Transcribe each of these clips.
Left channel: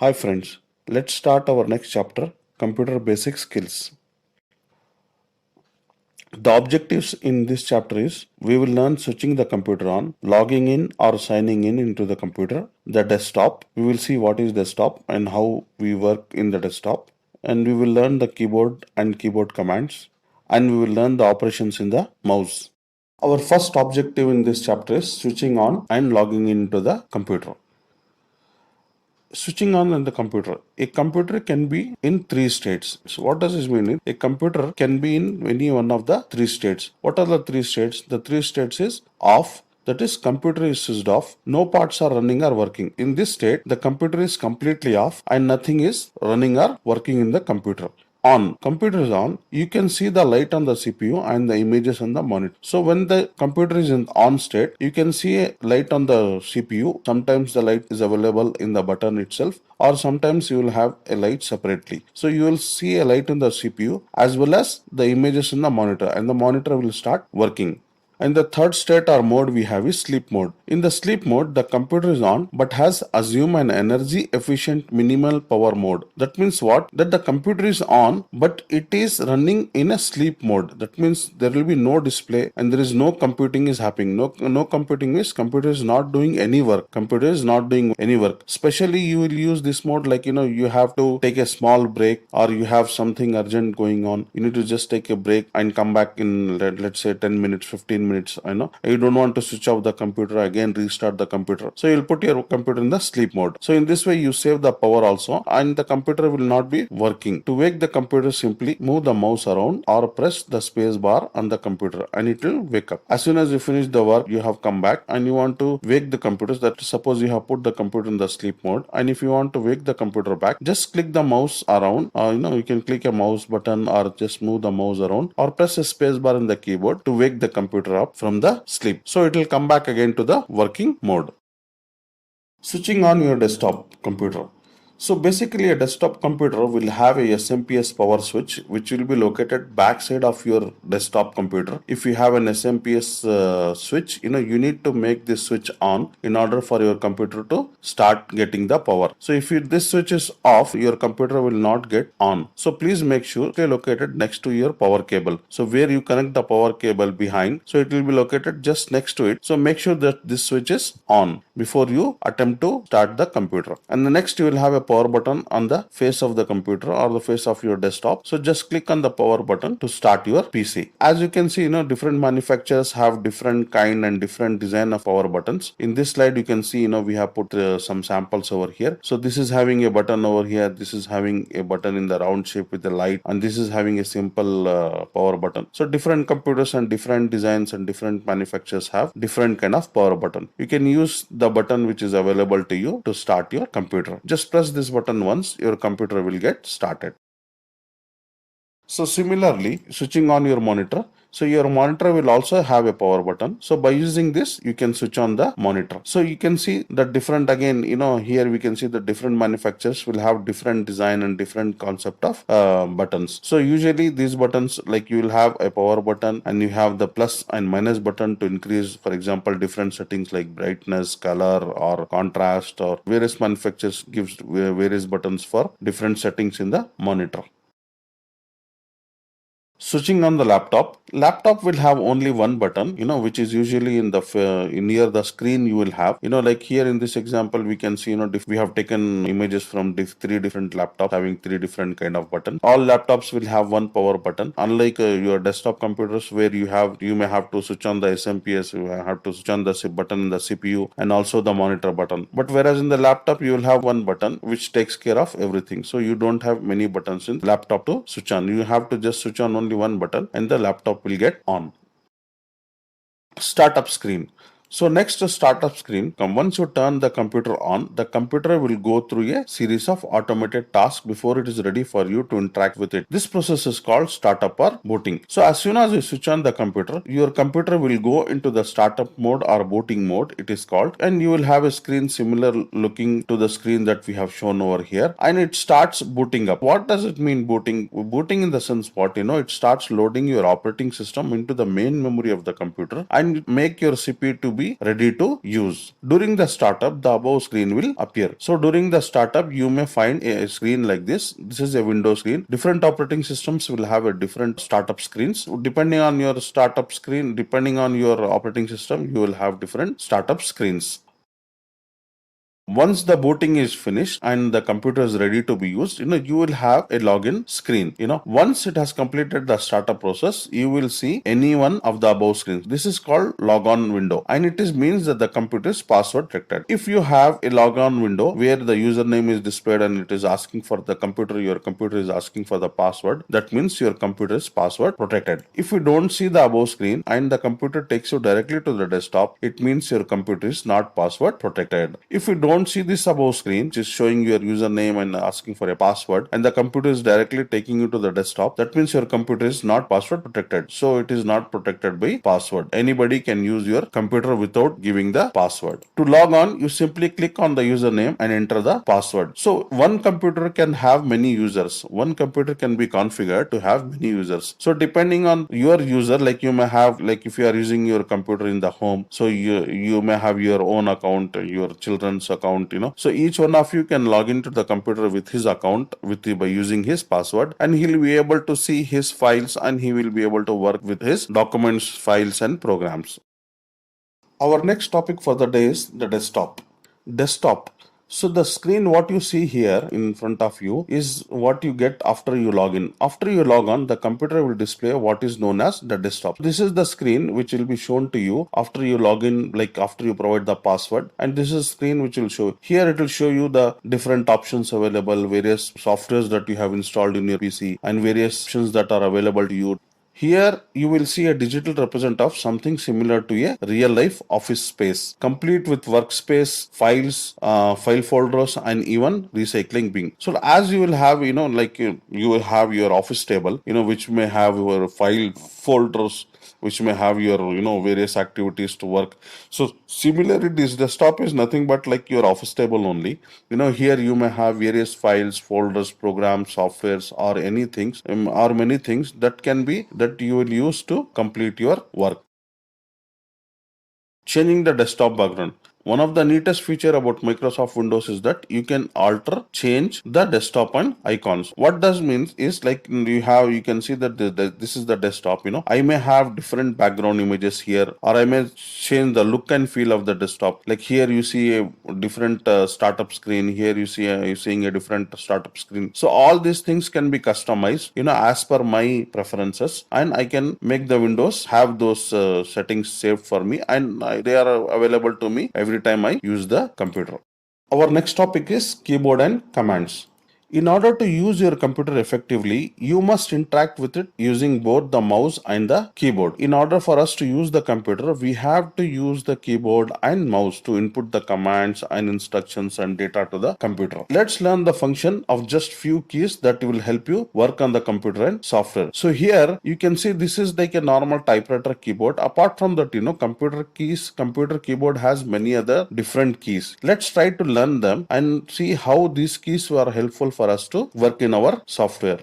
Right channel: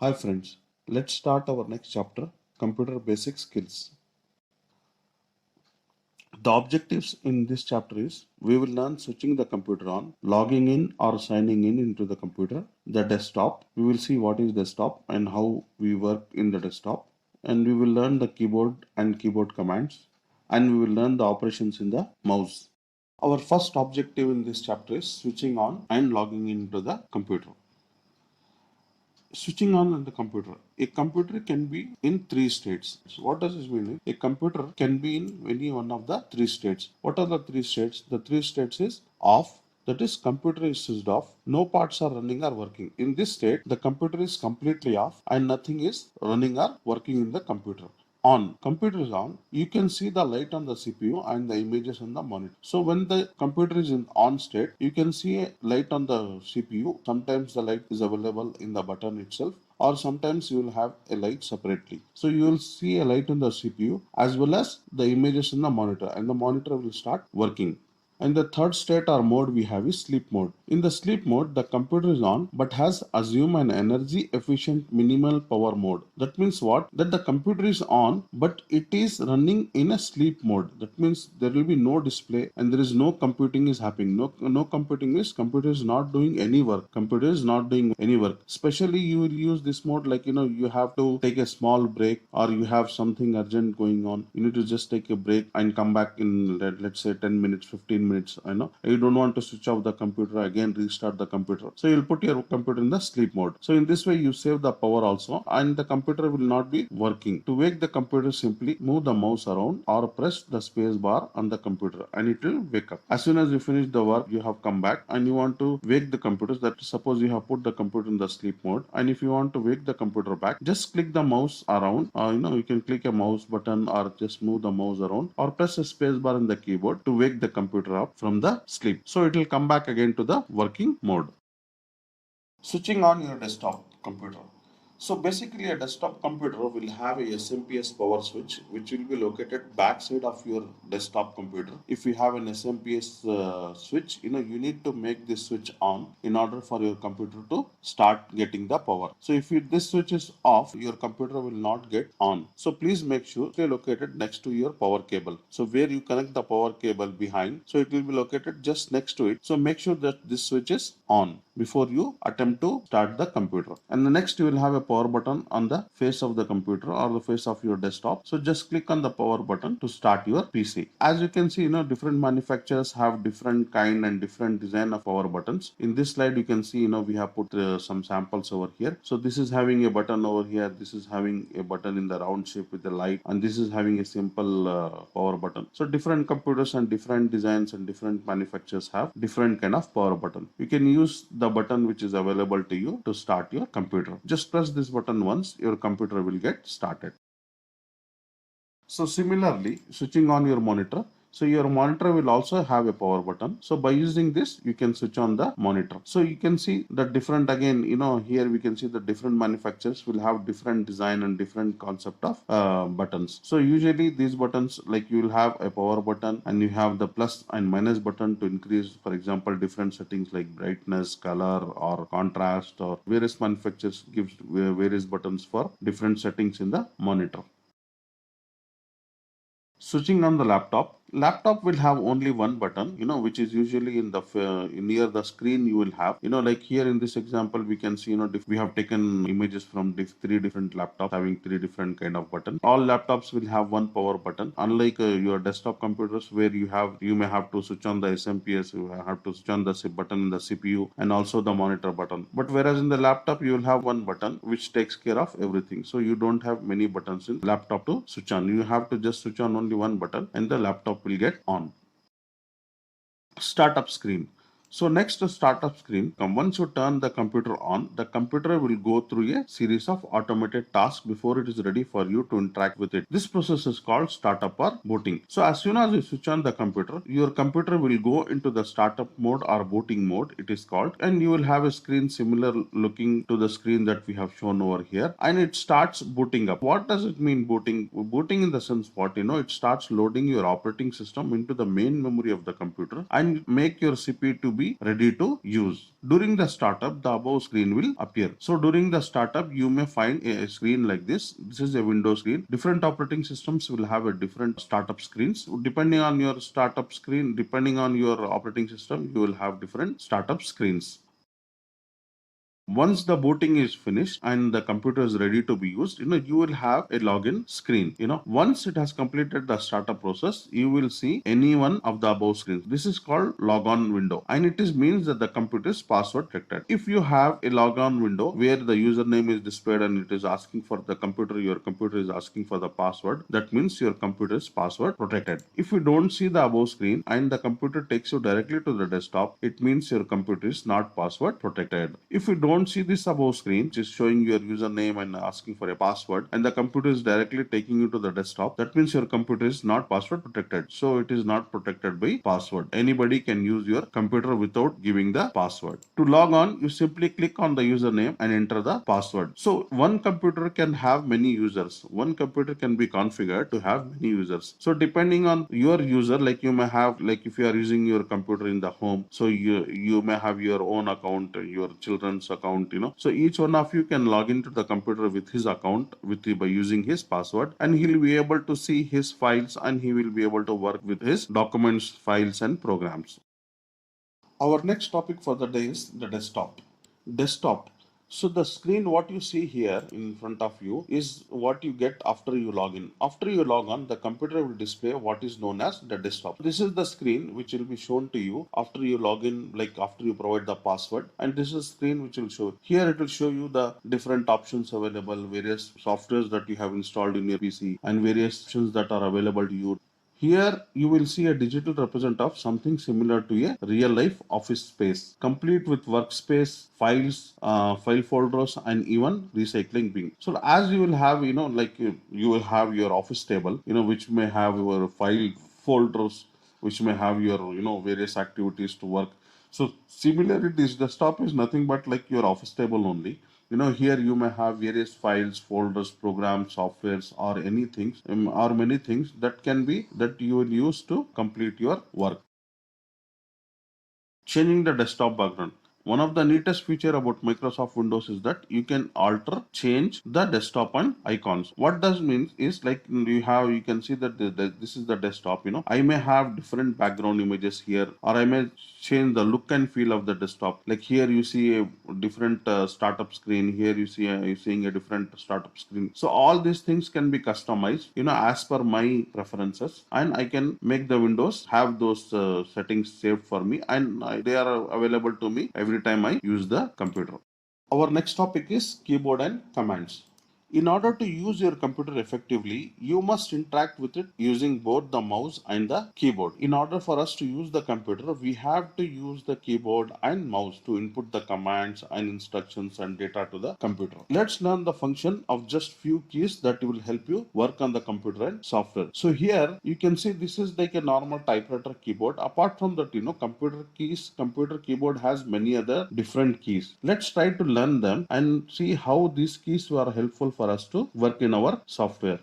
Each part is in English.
Hi friends, let's start our next chapter, Computer Basic Skills. The objectives in this chapter is we will learn switching the computer on, logging in or signing in into the computer, the desktop. We will see what is desktop and how we work in the desktop, and we will learn the keyboard and keyboard commands, and we will learn the operations in the mouse. Our first objective in this chapter is switching on and logging into the computer. Switching on in the computer. A computer can be in three states. So what does this mean? A computer can be in any one of the three states. What are the three states? The three states is off. That is, computer is switched off. No parts are running or working. In this state, the computer is completely off and nothing is running or working in the computer. On computer is on, you can see the light on the CPU and the images on the monitor. So when the computer is in on state, you can see a light on the CPU. Sometimes the light is available in the button itself, or sometimes you will have a light separately. So you will see a light in the CPU as well as the images in the monitor, and the monitor will start working. And the third state or mode we have is sleep mode. In the sleep mode, the computer is on but has assumed an energy efficient minimal power mode. That means what? That the computer is on but it is running in a sleep mode. That means there will be no display and there is no computing is happening. No computing means computer is not doing any work. Computer is not doing any work. Especially you will use this mode like you have to take a small break or you have something urgent going on. You need to just take a break and come back in let's say 10 minutes, 15 minutes. You don't want to switch off the computer again, restart the computer, so you'll put your computer in the sleep mode. So in this way you save the power also, and the computer will not be working. To wake the computer, simply move the mouse around or press the space bar on the computer and it will wake up. As soon as you finish the work, you have come back and you want to wake the computer. That suppose you have put the computer in the sleep mode, and if you want to wake the computer back, just click the mouse around. You can click a mouse button or just move the mouse around or press a space bar on the keyboard to wake the computer up from the sleep. So it will come back again to the working mode. Switching on your desktop computer. So basically a desktop computer will have a SMPS power switch which will be located backside of your desktop computer. If you have an SMPS switch, you need to make this switch on in order for your computer to start getting the power. So if this switch is off, your computer will not get on. So please make sure it is located next to your power cable. So where you connect the power cable behind, so it will be located just next to it. So make sure that this switch is on before you attempt to start the computer. And the next you will have a power button on the face of the computer or the face of your desktop. So just click on the power button to start your PC. As you can see, different manufacturers have different kind and different design of power buttons. In this slide you can see, we have put some samples over here. So this is having a button over here, this is having a button in the round shape with a light, and this is having a simple power button. So different computers and different designs and different manufacturers have different kind of power button. You can use the button which is available to you to start your computer. Just press this button once, your computer will get started. So similarly, switching on your monitor. So your monitor will also have a power button. So by using this, you can switch on the monitor. So you can see the different, again, here we can see the different manufacturers will have different design and different concept of buttons. So usually these buttons, like you will have a power button and you have the plus and minus button to increase, for example, different settings like brightness, color, or contrast, or various manufacturers gives various buttons for different settings in the monitor. Switching on the laptop will have only one button, which is usually in the near the screen. You will have, like here in this example, we can see, we have taken images from three different laptops having three different kind of buttons. All laptops will have one power button, unlike your desktop computers where you may have to switch on the SMPS, you have to switch on the button in the CPU and also the monitor button. But whereas in the laptop, you will have one button which takes care of everything. So you don't have many buttons in laptop to switch on. You have to just switch on only one button and the laptop will get on. Startup screen. So next to startup screen, once you turn the computer on, the computer will go through a series of automated tasks before it is ready for you to interact with it. This process is called startup or booting. So as soon as you switch on the computer, your computer will go into the startup mode or booting mode, it is called, and you will have a screen similar looking to the screen that we have shown over here, and it starts booting up. What does it mean booting? Booting in the sense what, it starts loading your operating system into the main memory of the computer and make your CPU to be ready to use. During the startup, the above screen will appear. So during the startup, you may find a screen like this. This is a Windows screen. Different operating systems will have a different startup screens. Depending on your startup screen, depending on your operating system, you will have different startup screens. Once the booting is finished and the computer is ready to be used, you will have a login screen. Once it has completed the startup process, you will see any one of the above screens. This is called logon window, and it means that the computer is password protected. If you have a logon window where the username is displayed and it is asking for the computer, your computer is asking for the password, that means your computer is password protected. If you don't see the above screen and the computer takes you directly to the desktop, it means your computer is not password protected. If you don't see this above screen, which is showing your username and asking for a password, and the computer is directly taking you to the desktop, that means your computer is not password protected. So it is not protected by password. Anybody can use your computer without giving the password. To log on, you simply click on the username and enter the password. So one computer can have many users. One computer can be configured to have many users. So depending on your user, like you may have, like if you are using your computer in the home, so you may have your own account, your children's account, so each one of you can log into the computer with his account by using his password, and he'll be able to see his files and he will be able to work with his documents, files and programs. Our next topic for the day is the desktop. Desktop. So the screen what you see here in front of you is what you get after you log in. After you log on, the computer will display what is known as the desktop. This is the screen which will be shown to you after you log in, like after you provide the password. And this is screen which will show. Here it will show you the different options available, various softwares that you have installed in your PC and various options that are available to you. Here you will see a digital represent of something similar to a real life office space, complete with workspace, files, file folders, and even recycling bin. So as you will have, like you will have your office table, which may have your file folders, which may have your various activities to work. So similarly, this desktop is nothing but like your office table only. Here you may have various files, folders, programs, softwares, or anything, or many things that you will use to complete your work. Changing the desktop background. One of the neatest feature about Microsoft Windows is that you can change the desktop and icons. What does means is like you can see that this is the desktop. I may have different background images here, or I may change the look and feel of the desktop. Like here you see a different startup screen. Here you're seeing a different startup screen. So all these things can be customized, as per my preferences, and I can make the Windows have those settings saved for me, and they are available to me every time I use the computer. Our next topic is keyboard and commands. In order to use your computer effectively, you must interact with it using both the mouse and the keyboard. In order for us to use the computer, we have to use the keyboard and mouse to input the commands and instructions and data to the computer. Let's learn the function of just few keys that will help you work on the computer and software. So here you can see this is like a normal typewriter keyboard. Apart from that, computer keyboard has many other different keys. Let's try to learn them and see how these keys are helpful for us to work in our software.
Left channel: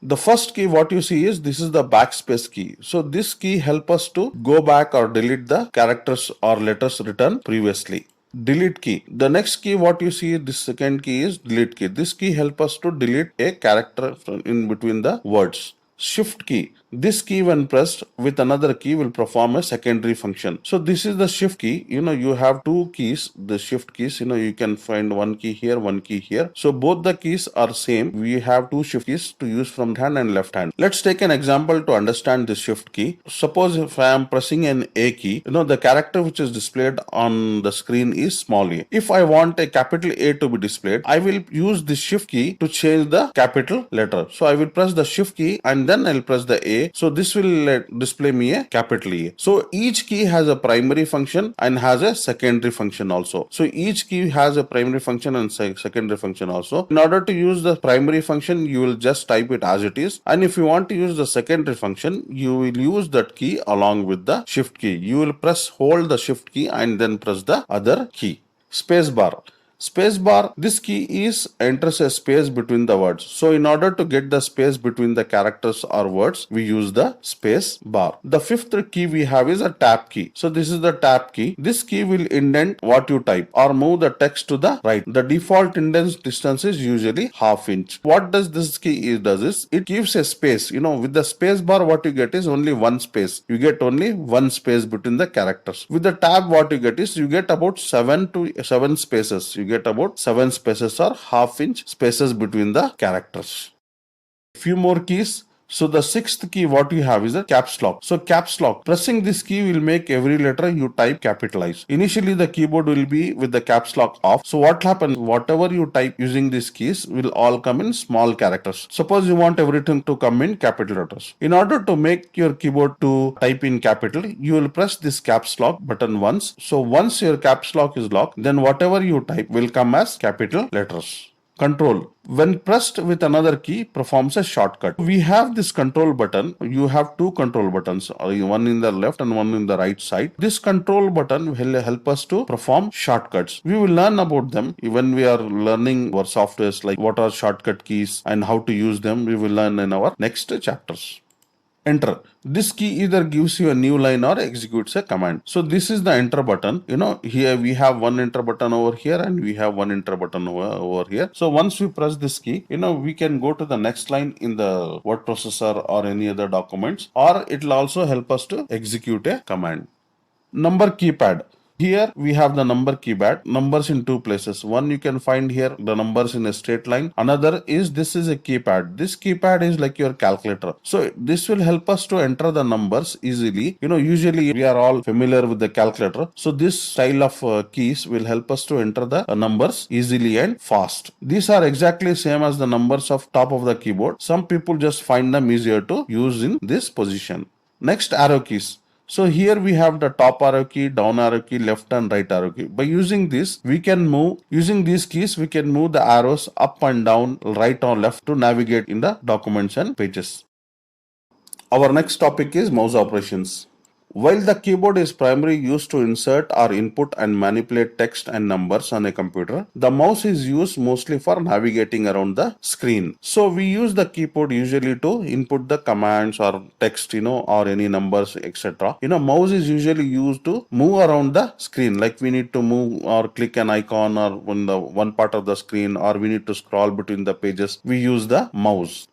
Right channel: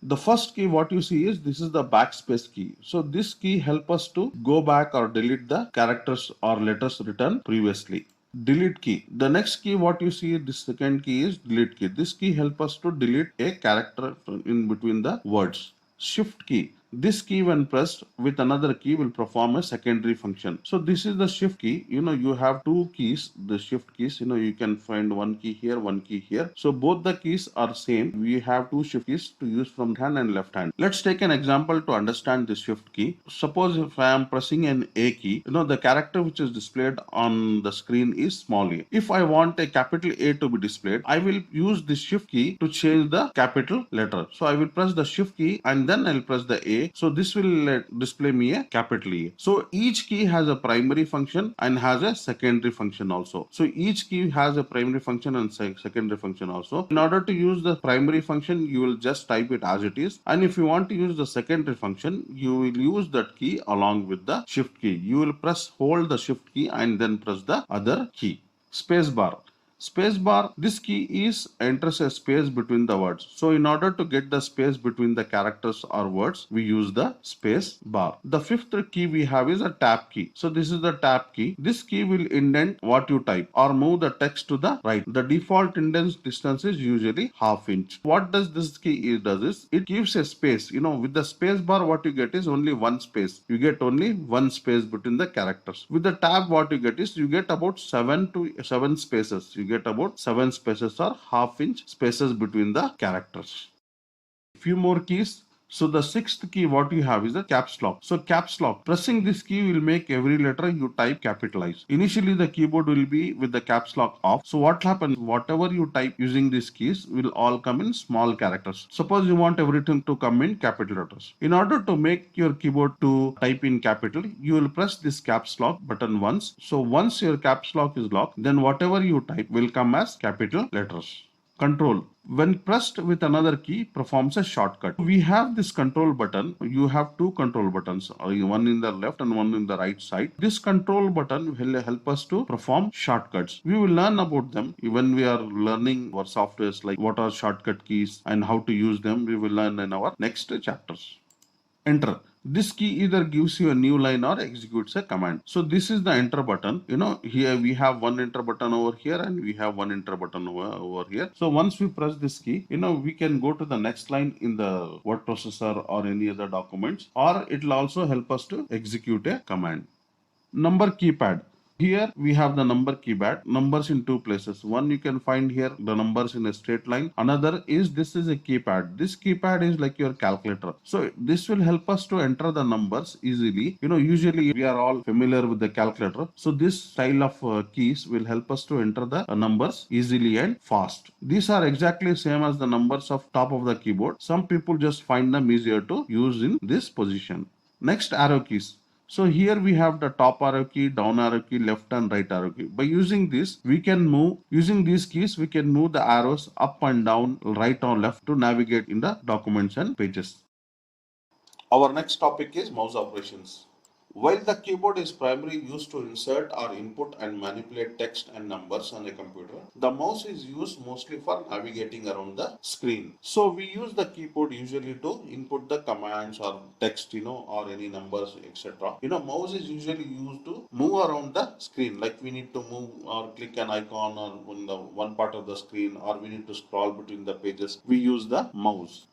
The first key what you see is this is the backspace key. So this key help us to go back or delete the characters or letters written previously. Delete key. The next key what you see, this second key is delete key. This key help us to delete a character in between the words. Shift key. This key when pressed with another key will perform a secondary function. So this is the shift key. You have two keys, the shift keys. You can find one key here, one key here. So both the keys are same. We have two shift keys to use from hand and left hand. Let's take an example to understand this shift key. Suppose if I am pressing an A key, the character which is displayed on the screen is small a. If I want a capital A to be displayed, I will use the shift key to change the capital letter. So I will press the shift key and then I'll press the A. So this will display me a capital A. So each key has a primary function and has a secondary function also. So each key has a primary function and secondary function also. In order to use the primary function, you will just type it as it is. And if you want to use the secondary function, you will use that key along with the shift key. You will hold the shift key and then press the other key. Space bar. Space bar, this key is enters a space between the words. So in order to get the space between the characters or words, we use the space bar. The fifth key we have is a tab key. So this is the tab key. This key will indent what you type or move the text to the right. The default indent distance is usually half inch. What does this key does is it gives a space. With the space bar, what you get is only one space. You get only one space between the characters. With the tab, what you get is you get about 7 spaces. You get about 7 spaces or half inch spaces between the characters. Few more keys. So the sixth key what you have is a caps lock. So caps lock, pressing this key will make every letter you type capitalize. Initially the keyboard will be with the caps lock off. So what happens, whatever you type using these keys will all come in small characters. Suppose you want everything to come in capital letters. In order to make your keyboard to type in capital, you will press this caps lock button once. So once your caps lock is locked, then whatever you type will come as capital letters. Control, when pressed with another key, performs a shortcut. We have this control button. You have two control buttons, one in the left and one in the right side. This control button will help us to perform shortcuts. We will learn about them when we are learning our softwares, like what are shortcut keys and how to use them. We will learn in our next chapters. Enter. This key either gives you a new line or executes a command. So this is the enter button. Here we have one enter button over here and we have one enter button over here. So once we press this key, we can go to the next line in the word processor or any other documents, or it will also help us to execute a command. Number keypad. Here we have the number keypad, numbers in two places. One, you can find here the numbers in a straight line. Another is this is a keypad. This keypad is like your calculator. So this will help us to enter the numbers easily. Usually we are all familiar with the calculator. So this style of keys will help us to enter the numbers easily and fast. These are exactly same as the numbers of top of the keyboard. Some people just find them easier to use in this position. Next, arrow keys. So here we have the top arrow key, down arrow key, left and right arrow key. By using this, using these keys, we can move the arrows up and down, right or left to navigate in the documents and pages. Our next topic is mouse operations. While the keyboard is primarily used to insert or input and manipulate text and numbers on a computer, the mouse is used mostly for navigating around the screen. So we use the keyboard usually to input the commands or text, or any numbers, etc. Mouse is usually used to move around the screen, like we need to move or click an icon or on the one part of the screen, or we need to scroll between the pages. We use the mouse.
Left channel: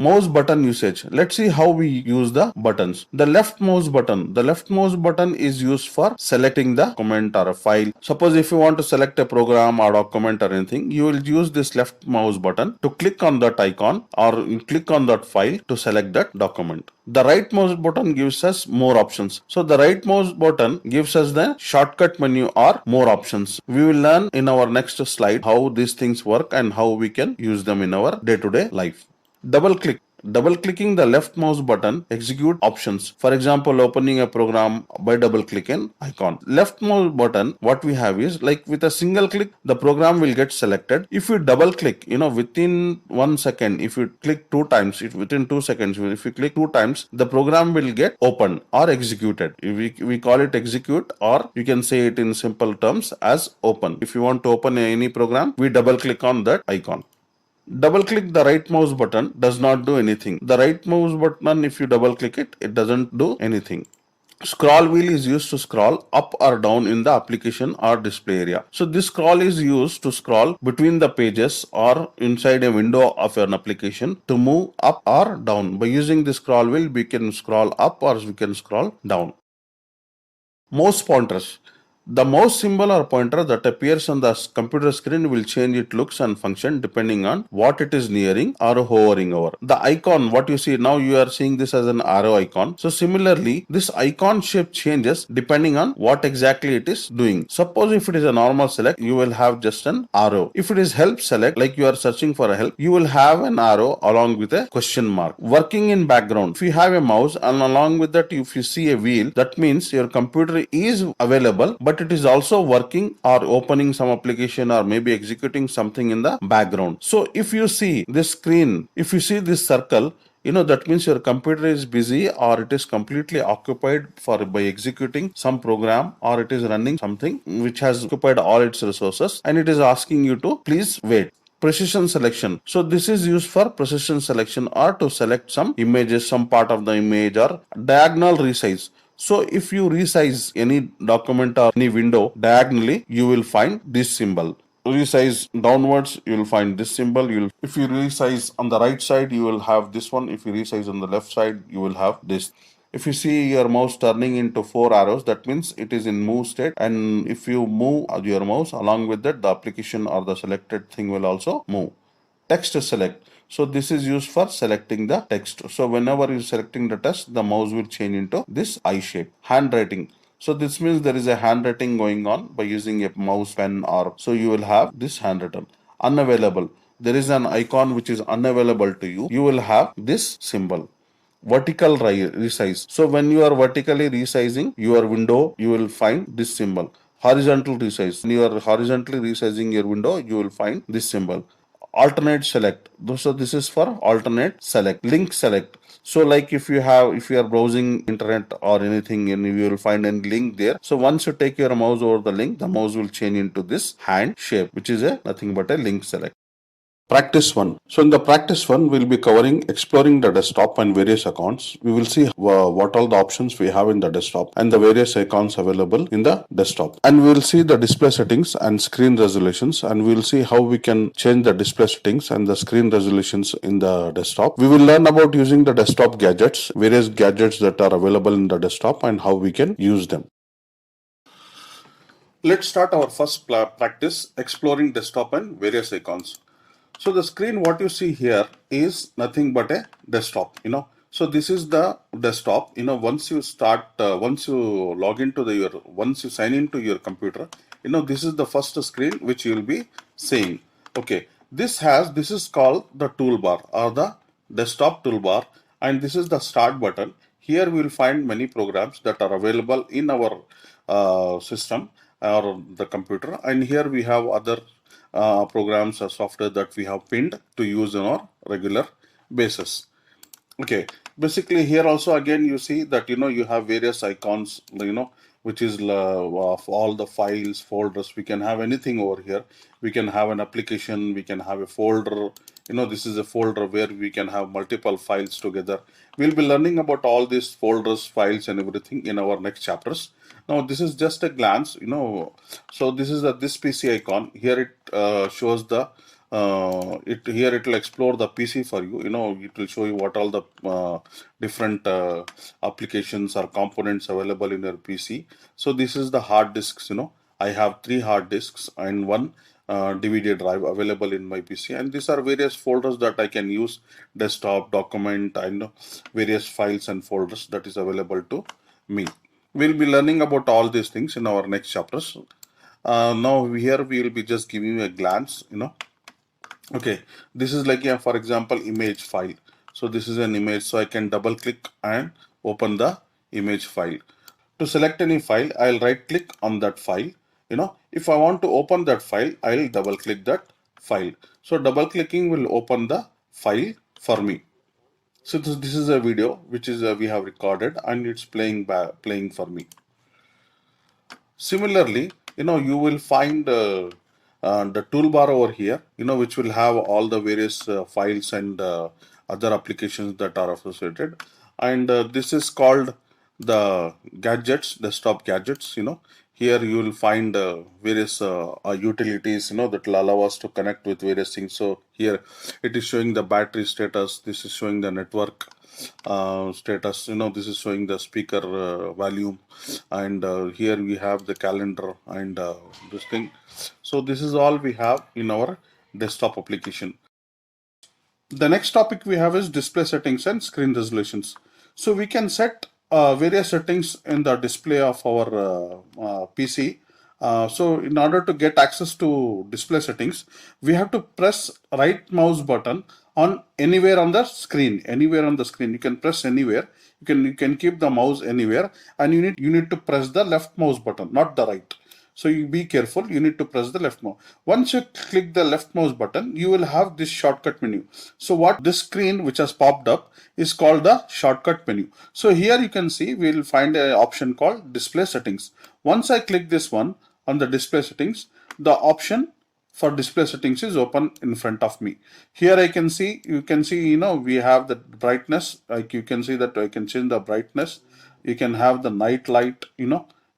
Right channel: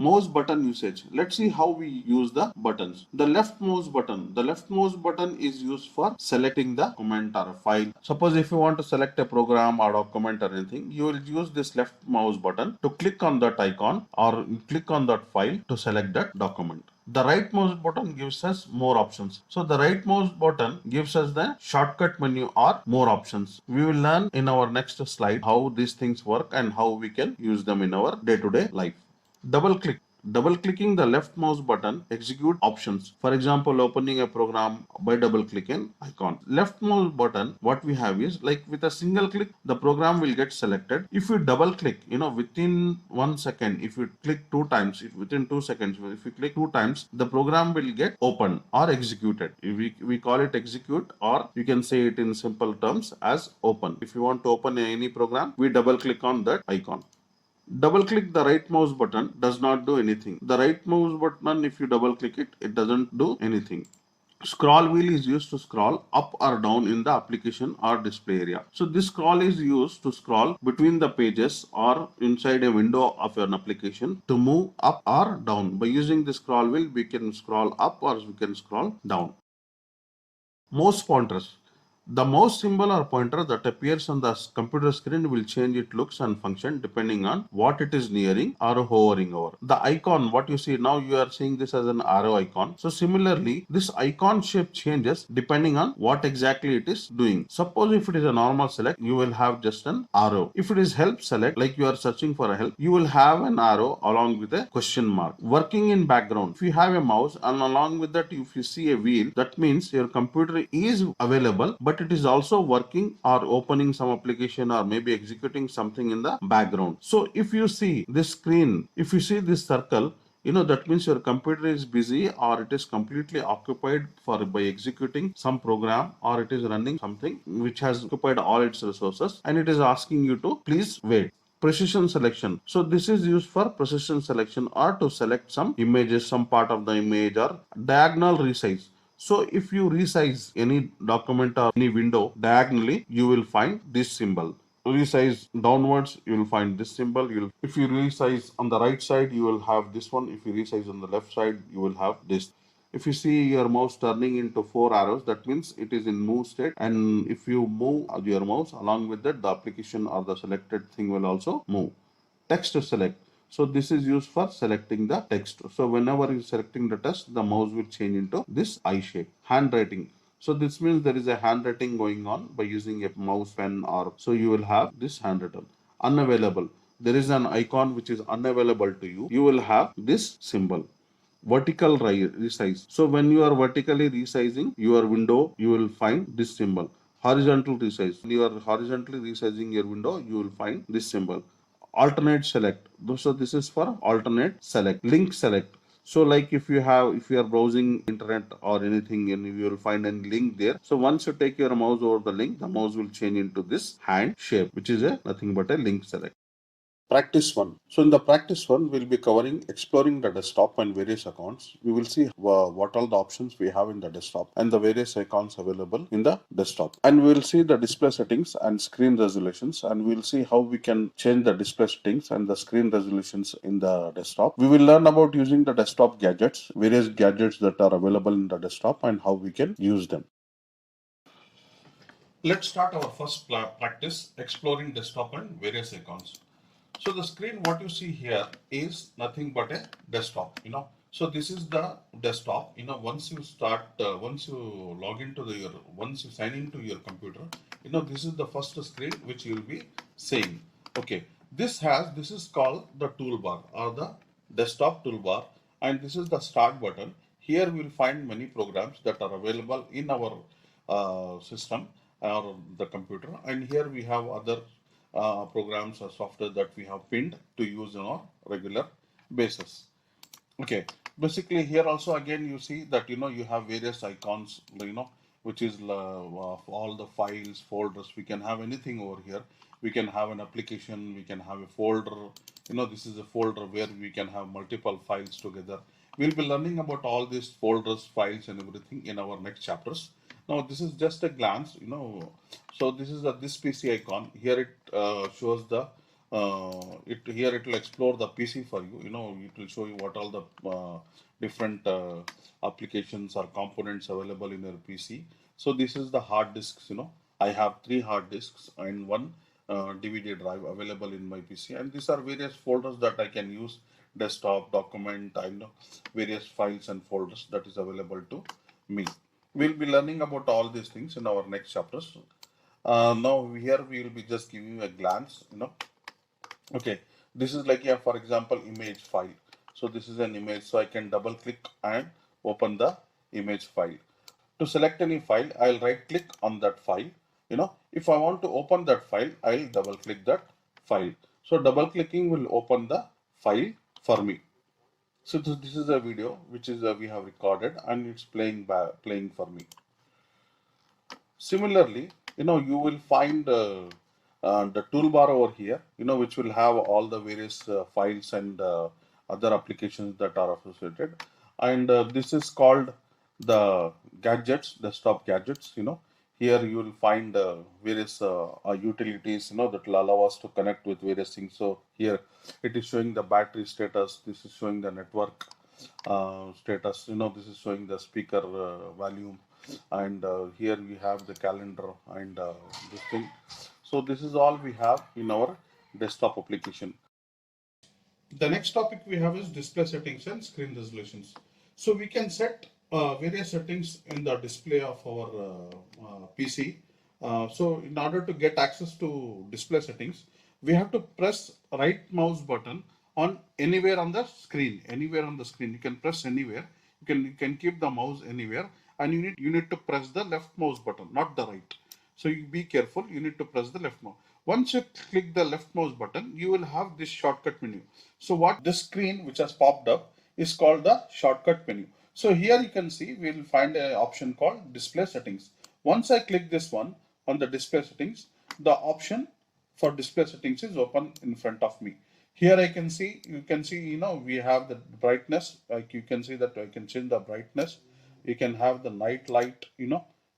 Mouse button usage. Let's see how we use the buttons. The left mouse button is used for selecting the document or a file. Suppose if you want to select a program or document or anything, you will use this left mouse button to click on that icon or click on that file to select that document. The right mouse button gives us more options. So the right mouse button gives us the shortcut menu or more options. We will learn in our next slide how these things work and how we can use them in our day-to-day life. Double click. Double clicking the left mouse button execute options. For example, opening a program by double clicking icon. Left mouse button, what we have is like with a single click, the program will get selected. If you double click, within 1 second, if you click 2 times, within 2 seconds, if you click 2 times, the program will get opened or executed. We call it execute, or you can say it in simple terms as open. If you want to open any program, we double click on that icon. Double click the right mouse button does not do anything. The right mouse button, if you double click it, it doesn't do anything. Scroll wheel is used to scroll up or down in the application or display area. So this scroll is used to scroll between the pages or inside a window of an application to move up or down. By using the scroll wheel, we can scroll up or we can scroll down. Mouse pointers. The mouse symbol or pointer that appears on the computer screen will change its looks and function depending on what it is nearing or hovering over. The icon, what you see now, you are seeing this as an arrow icon. So similarly, this icon shape changes depending on what exactly it is doing. Suppose if it is a normal select, you will have just an arrow. If it is help select, like you are searching for a help, you will have an arrow along with a question mark. Working in background. If you have a mouse and along with that, if you see a wheel, that means your computer is available, but it is also working or opening some application or maybe executing something in the background. So if you see this screen, if you see this circle, that means your computer is busy or it is completely occupied by executing some program, or it is running something which has occupied all its resources, and it is asking you to please wait. Precision selection. So this is used for precision selection, or to select some images, some part of the image, or diagonal resize. So if you resize any document or any window diagonally, you will find this symbol. Resize downwards, you will find this symbol. If you resize on the right side, you will have this one. If you resize on the left side, you will have this. If you see your mouse turning into 4 arrows, that means it is in move state. And if you move your mouse, along with that, the application or the selected thing will also move. Text select. So this is used for selecting the text. So whenever you're selecting the text, the mouse will change into this I shape. Handwriting. So this means there is a handwriting going on by using a mouse, pen, or so you will have this handwritten. Unavailable. There is an icon which is unavailable to you. You will have this symbol. Vertical resize. So when you are vertically resizing your window, you will find this symbol. Horizontal resize. When you are horizontally resizing your window, you will find this symbol. Alternate select. So this is for alternate select. Link select. So like if you are browsing internet or anything, and you will find a link there. So once you take your mouse over the link, the mouse will change into this hand shape, which is a nothing but a link select. Practice 1. So in the practice 1, we'll be covering exploring the desktop and various accounts. We will see what all the options we have in the desktop and the various icons available in the desktop. And we will see the display settings and screen resolutions, and we will see how we can change the display settings and the screen resolutions in the desktop. We will learn about using the desktop gadgets, various gadgets that are available in the desktop, and how we can use them. Let's start our first practice, exploring desktop and various icons. So the screen what you see here is nothing but a desktop, So this is the desktop, once you start, once you log into once you sign into your computer, this is the first screen which you will be seeing. Okay, this is called the toolbar or the desktop toolbar, and this is the start button. Here we will find many programs that are available in our system or the computer, and here we have other programs or software that we have pinned to use on our regular basis. Okay, basically here also again you see that you have various icons, which is of all the files, folders. We can have anything over here. We can have an application, we can have a folder. This is a folder where we can have multiple files together. We'll be learning about all these folders, files, and everything in our next chapters. Now this is just a glance, so this is this PC icon. Here it shows the here it will explore the PC for you. It will show you what all the different applications or components available in your PC. So this is the hard disks. I have 3 hard disks and 1 DVD drive available in my PC, and these are various folders that I can use: desktop, document, and various files and folders that is available to me. We'll be learning about all these things in our next chapters. Now here we will be just giving you a glance. Okay, this is like for example, image file. So this is an image, so I can double click and open the image file. To select any file, I'll right click on that file. If I want to open that file, I'll double click that file. So double clicking will open the file for me. So this is a video which is we have recorded, and it's playing for me. Similarly, you will find the toolbar over here, which will have all the various files and other applications that are associated. And this is called the gadgets, desktop gadgets. Here you will find various utilities, that will allow us to connect with various things. So here it is showing the battery status. This is showing the network status. This is showing the speaker volume, and here we have the calendar and this thing. So this is all we have in our desktop application. The next topic we have is display settings and screen resolutions. So we can set various settings in the display of our PC. So in order to get access to display settings, we have to press right mouse button on anywhere on the screen. Anywhere on the screen, you can press anywhere. You can keep the mouse anywhere, and you need to press the left mouse button, not the right. So you be careful, you need to press the left mouse. Once you click the left mouse button, you will have this shortcut menu. So what this screen which has popped up is called the shortcut menu. So here you can see we will find an option called display settings. Once I click this one on the display settings, the option for display settings is open in front of me. Here I can see, you can see, we have the brightness, like you can see that I can change the brightness. You can have the night light,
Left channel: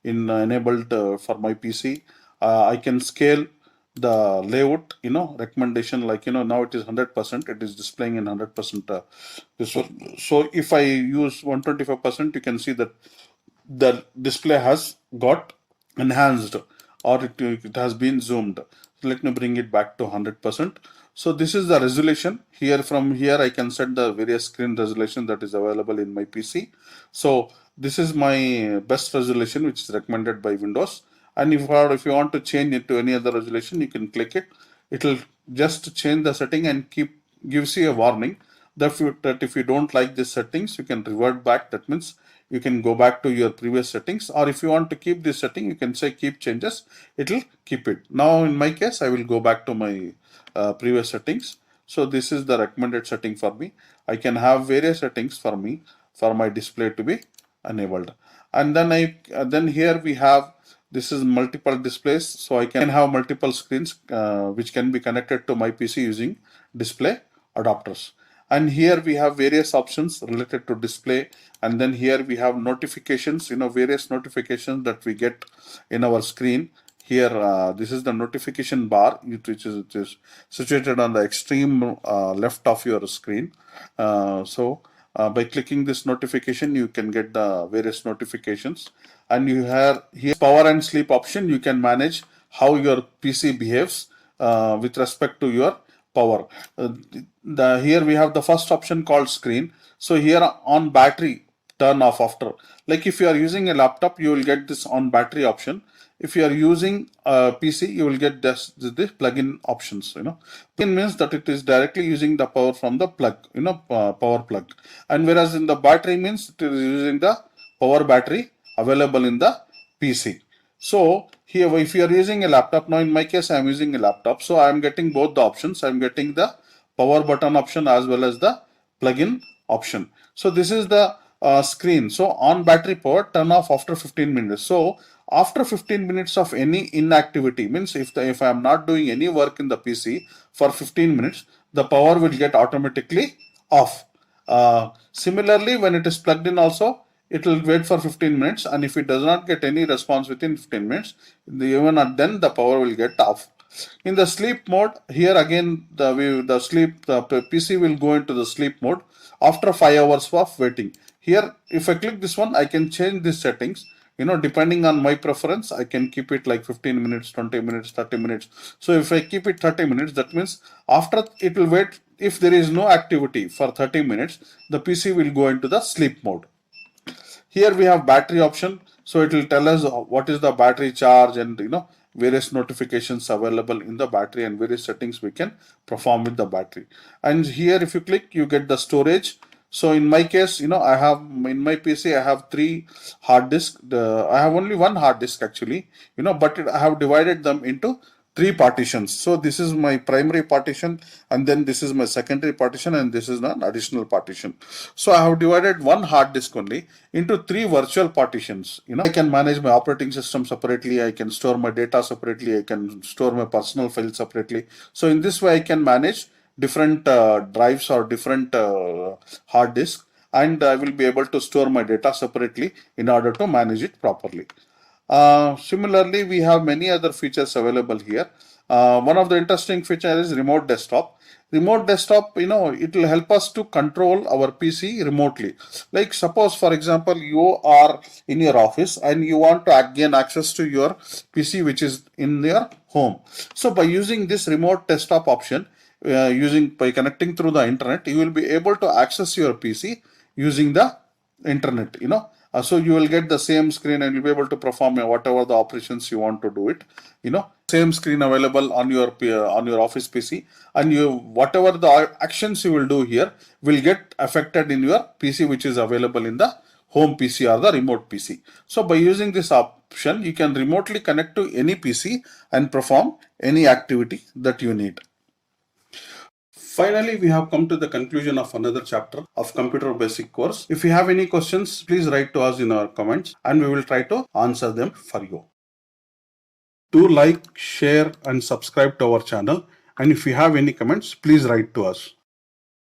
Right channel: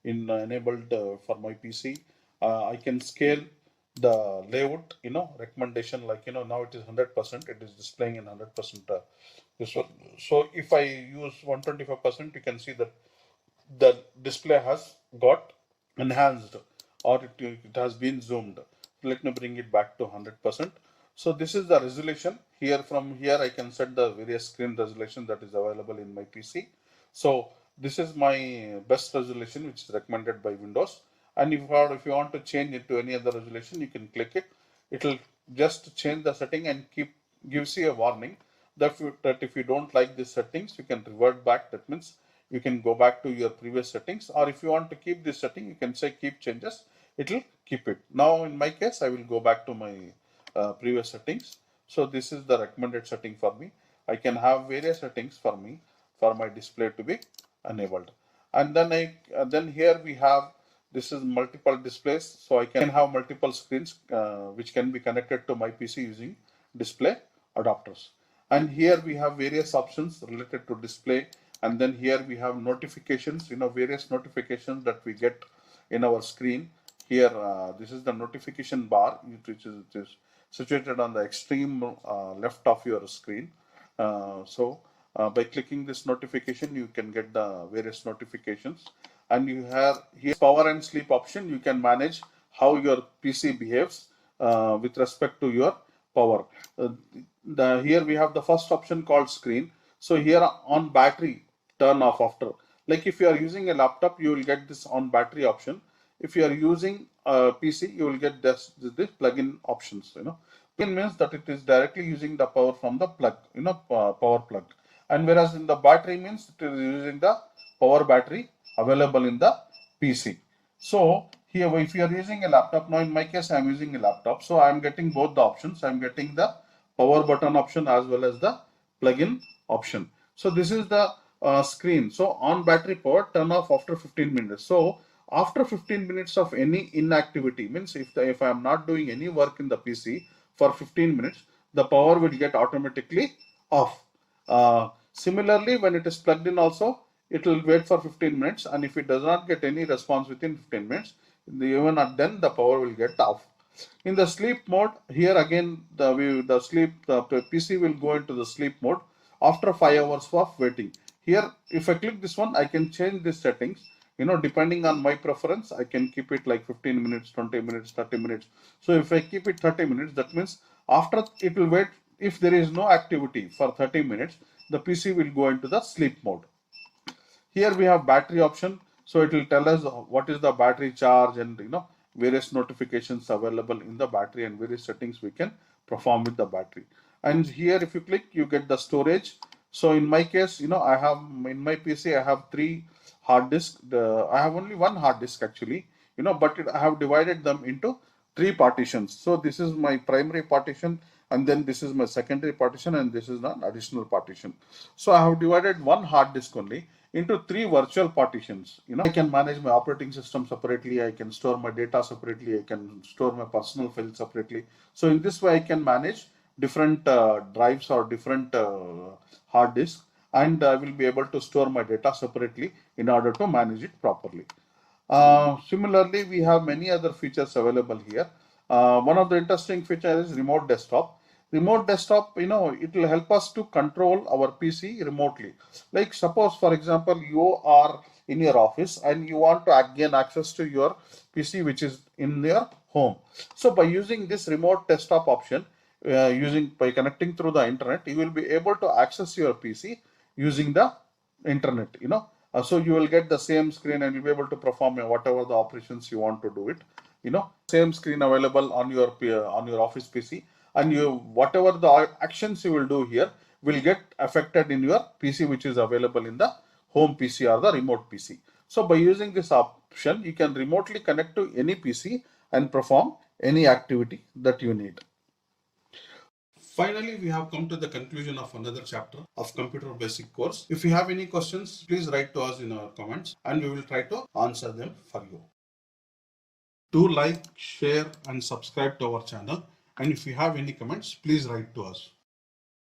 in enabled for my PC. I can scale the layout, recommendation, like, now it is 100%, it is displaying in 100%. This one. So if I use 125%, you can see that the display has got enhanced, or it has been zoomed. Let me bring it back to 100%. So this is the resolution. Here, from here I can set the various screen resolution that is available in my PC. So this is my best resolution which is recommended by Windows. And if you want to change it to any other resolution, you can click it. It will just change the setting and gives you a warning that if you don't like these settings, you can revert back. That means you can go back to your previous settings, or if you want to keep this setting, you can say keep changes. It will keep it. Now in my case, I will go back to my previous settings. So this is the recommended setting for me. I can have various settings for me for my display to be enabled. And then here we have, this is multiple displays, so I can have multiple screens which can be connected to my PC using display adapters. And here we have various options related to display. And then here we have notifications, various notifications that we get in our screen. Here, this is the notification bar, which is situated on the extreme left of your screen. By clicking this notification, you can get the various notifications. And you have here power and sleep option. You can manage how your PC behaves with respect to your power. Here we have the first option called screen. So here on battery, turn off after. Like if you are using a laptop, you will get this on battery option. If you are using a PC, you will get this plug-in options. Plug-in means that it is directly using the power from the plug, power plug. And whereas in the battery means it is using the power battery available in the PC. So here, if you are using a laptop, now in my case I am using a laptop, so I am getting both the options. I am getting the power button option as well as the plug-in option. So this is the screen. So on battery power, turn off after 15 minutes. So after 15 minutes of any inactivity, means if I am not doing any work in the PC for 15 minutes, the power will get automatically off. Similarly, when it is plugged in also, it will wait for 15 minutes, and if it does not get any response within 15 minutes, even then the power will get off. In the sleep mode, here again the PC will go into the sleep mode after 5 hours of waiting. Here, if I click this one, I can change these settings. Depending on my preference, I can keep it like 15 minutes, 20 minutes, 30 minutes. So if I keep it 30 minutes, that means after it will wait, if there is no activity for 30 minutes, the PC will go into the sleep mode. Here we have battery option. So it will tell us what is the battery charge and various notifications available in the battery and various settings we can perform with the battery. And here if you click, you get the storage. So in my case, I have in my PC, I have 3 hard disks. I have only 1 hard disk actually, but I have divided them into 3 partitions. So this is my primary partition, and then this is my secondary partition, and this is an additional partition. So I have divided 1 hard disk only into 3 virtual partitions. I can manage my operating system separately, I can store my data separately, I can store my personal files separately. So in this way I can manage different drives or different hard disks, and I will be able to store my data separately in order to manage it properly. Similarly, we have many other features available here. One of the interesting features is remote desktop. Remote desktop, it will help us to control our PC remotely. Like suppose, for example, you are in your office and you want to gain access to your PC which is in your home. So by using this remote desktop option, by connecting through the internet, you will be able to access your PC using the internet. So you will get the same screen and you'll be able to perform whatever the operations you want to do it. Same screen available on your office PC, and whatever the actions you will do here will get affected in your PC which is available in the home PC or the remote PC. So by using this option, you can remotely connect to any PC and perform any activity that you need. Finally, we have come to the conclusion of another chapter of computer basic course. If you have any questions, please write to us in our comments and we will try to answer them for you. Do like, share and subscribe to our channel, and if you have any comments, please write to us.